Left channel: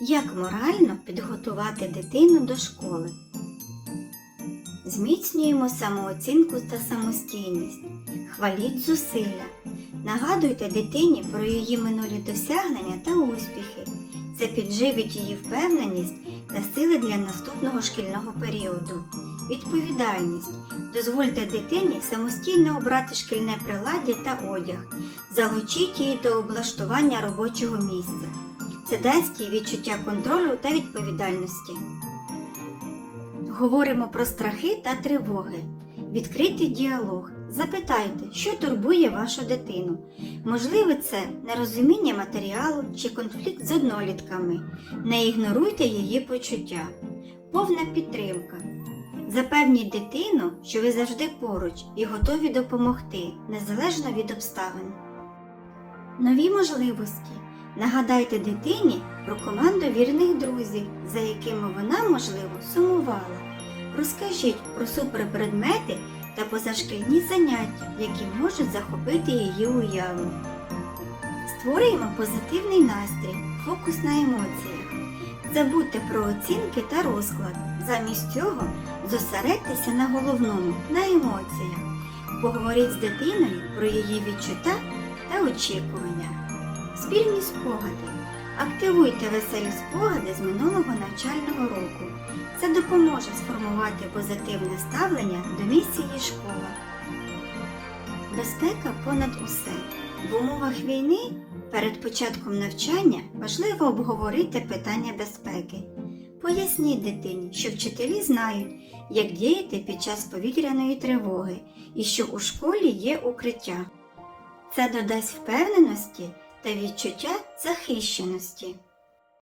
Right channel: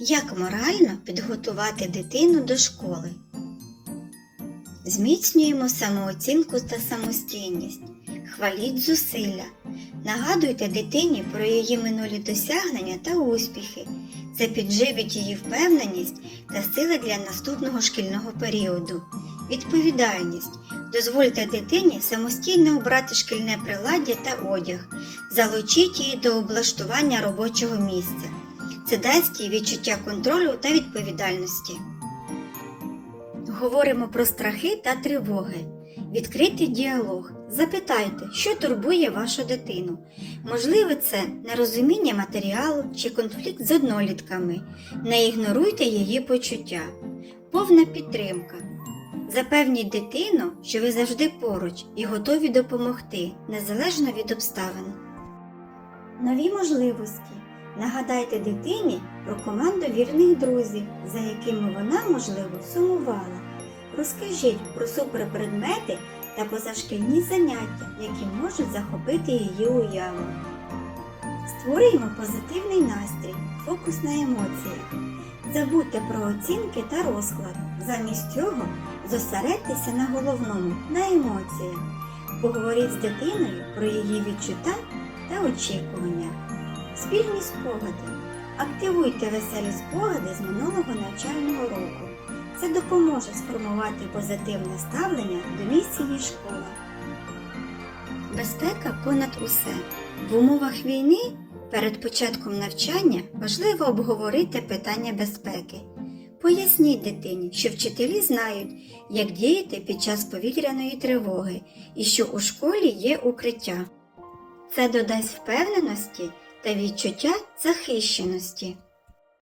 Як морально підготувати дитину до школи? Зміцнюємо самооцінку та самостійність. Хваліть зусилля. Нагадуйте дитині про її минулі досягнення та успіхи. Це підживить її впевненість та сили для наступного шкільного періоду. Відповідальність. Дозвольте дитині самостійно обрати шкільне приладдя та одяг. Залучіть її до облаштування робочого місця. Це дасть відчуття контролю та відповідальності. Говоримо про страхи та тривоги. Відкритий діалог. Запитайте, що турбує вашу дитину. Можливо, це нерозуміння матеріалу чи конфлікт з однолітками. Не ігноруйте її почуття. Повна підтримка. Запевніть дитину, що ви завжди поруч і готові допомогти, незалежно від обставин. Нові можливості. Нагадайте дитині про команду вірних друзів, за якими вона, можливо, сумувала. Розкажіть про суперпредмети та позашкільні заняття, які можуть захопити її уяву. Створюємо позитивний настрій, фокус на емоціях. Забудьте про оцінки та розклад. Замість цього зосередьтеся на головному, на емоціях. Поговоріть з дитиною про її відчуття та очікування. Спільні спогади. Активуйте веселі спогади з минулого навчального року. Це допоможе сформувати позитивне ставлення до місії школа. Безпека понад усе. В умовах війни перед початком навчання важливо обговорити питання безпеки. Поясніть дитині, що вчителі знають, як діяти під час повітряної тривоги і що у школі є укриття. Це додасть впевненості та відчуття захищеності.